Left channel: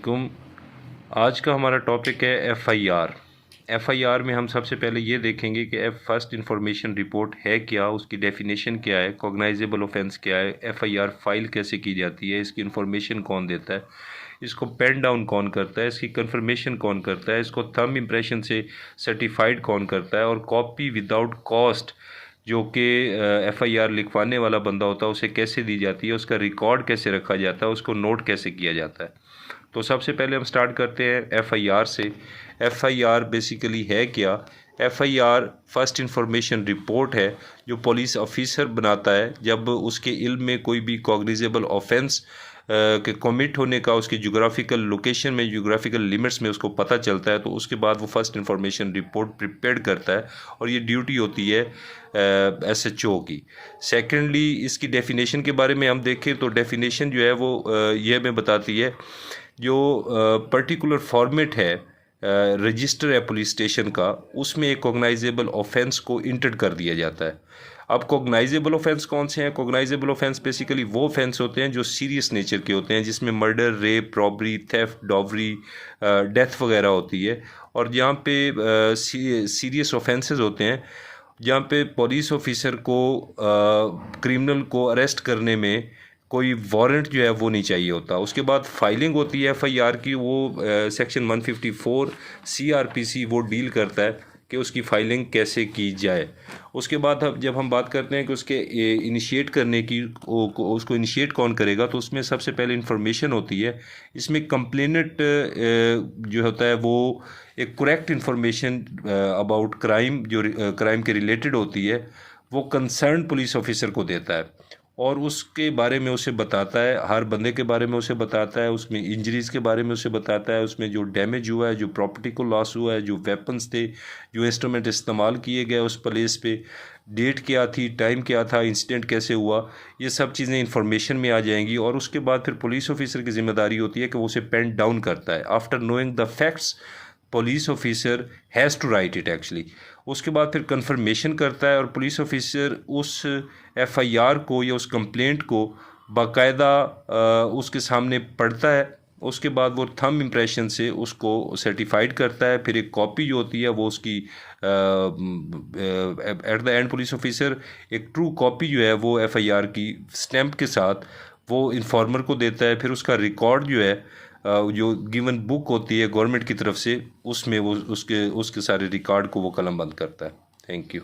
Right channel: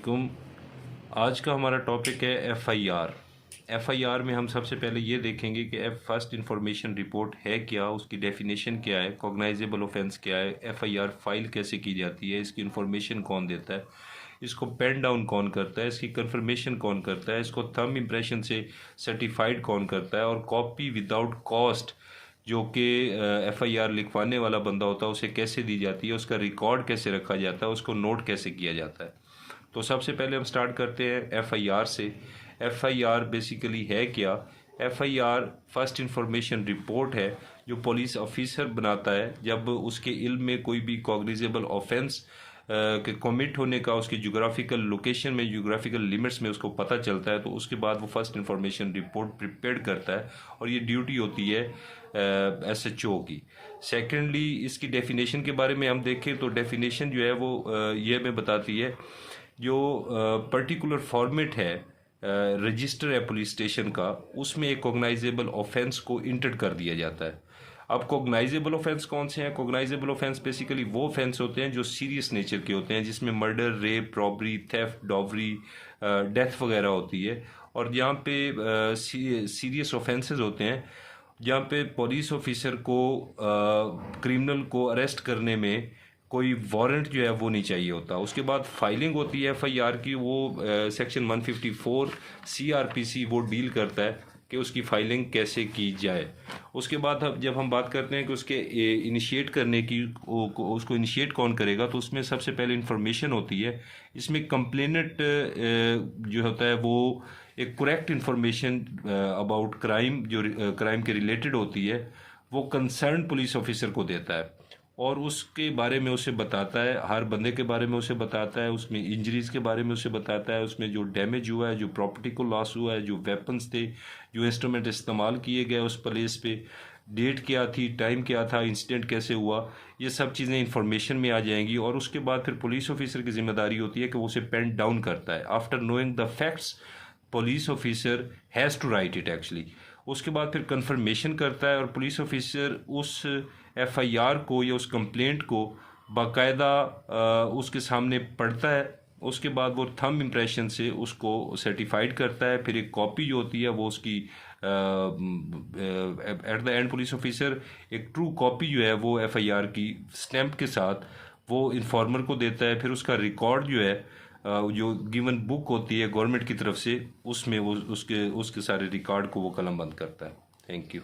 वालेकुम। आज का हमारा टॉपिक है एफआईआर। एफआईआर में हम सबसे पहले ये देखेंगे कि फर्स्ट इंफॉर्मेशन रिपोर्ट है क्या, उसकी डेफिनेशन क्या है, कॉग्नाइजेबल ऑफेंस क्या है, एफआईआर फाइल कैसे की जाती है, इसकी इंफॉर्मेशन कौन देता है, इसको पेन डाउन कौन करता है, इसकी कंफर्मेशन कौन करता है, इसको थंब इम्प्रेशन से सर्टिफाइड कौन करता है, और कॉपी विदाउट कॉस्ट जो कि एफआईआर लिखवाने वाला बंदा होता है उसे कैसे दी जाती है, उसका रिकॉर्ड कैसे रखा जाता है, उसको नोट कैसे किया जाता है। तो सबसे पहले हम स्टार्ट करते हैं एफआईआर से। एफआईआर बेसिकली है क्या? एफआईआर फर्स्ट इंफॉर्मेशन रिपोर्ट है जो पुलिस ऑफिसर बनाता है जब उसके इल्म में कोई भी कॉग्निजेबल ऑफेंस के कमिट होने का उसकी जोग्राफिकल लोकेशन में, जोग्राफिकल लिमिट्स में उसको पता चलता है, तो उसके बाद वो फर्स्ट इंफॉर्मेशन रिपोर्ट प्रिपेयर करता है और ये ड्यूटी होती है एसएचओ की। सेकेंडली, इसकी डेफिनेशन के बारे में हम देखें तो डेफिनेशन जो है वो ये हमें बताती है जो पर्टिकुलर फॉर्मेट है रजिस्टर है पुलिस स्टेशन का, उसमें एक कॉग्नाइजेबल ऑफेंस को इंटर कर दिया जाता है। अब कॉग्नाइजेबल ऑफेंस कौन से हैं? कॉग्नाइजेबल ऑफेंस बेसिकली वो ऑफेंस होते हैं जो सीरियस नेचर के होते हैं, जिसमें murder, rape, robbery, theft, dowry, death वगैरह होती है। और जहाँ पे सीरियस ऑफेंसेस होते हैं, जहाँ पे पुलिस ऑफिसर को क्रिमिनल को अरेस्ट करने में कोई वारंट जो है वो नहीं चाहिए होता। उसके बाद फाइलिंग होती है एफआईआर की, वो सेक्शन 154 सीआरपीसी वो डील करता है कि उसकी फाइलिंग कैसे की जाए। उसके बाद जब हम बात करते हैं कि उसके इनिशिएट करने की, उसको इनिशिएट कौन करेगा, तो उसमें सबसे पहले इंफॉर्मेशन होती है। इसमें कंप्लेनेंट जो होता है वो एक करेक्ट इंफॉर्मेशन अबाउट क्राइम जो क्राइम के रिलेटेड होती है वो कंसर्न पुलिस ऑफिसर को देता है और उसके बारे में उसे बताता है, हर बंदे के बारे में उसे बताता है, उसमें इंजरीज़ के बारे में उसे बताता है, उसमें जो डैमेज हुआ है, जो प्रॉपर्टी को लॉस हुआ है, जो वेपन्स थे, जो इंस्ट्रूमेंट इस्तेमाल किए गए उस प्लेस पे, डेट क्या थी, टाइम क्या था, इंसिडेंट कैसे हुआ, ये सब चीज़ें इंफॉर्मेशन में आ जाएंगी। और उसके बाद फिर पुलिस ऑफिसर की जिम्मेदारी होती है कि वो उसे पेन डाउन करता है। After knowing the facts police officer has to write it actually. उसके बाद फिर कंफर्मेशन करता है और पुलिस ऑफिसर उस एफआईआर को या उस कंप्लेंट को बाकायदा उसके सामने पढ़ता है। उसके बाद वो थंब इम्प्रेशन से उसको सर्टिफाइड करता है। फिर एक कॉपी जो होती है वो उसकी at the end police officer एक ट्रू कॉपी जो है वो एफआईआर की स्टैंप के साथ वो इन्फॉर्मर को देता है। फिर उसका रिकॉर्ड जो है जो गिवन बुक होती है गवर्नमेंट की तरफ से, उसमें वो उसके सारे रिकॉर्ड को वो कलमबंद करता है। Thank you.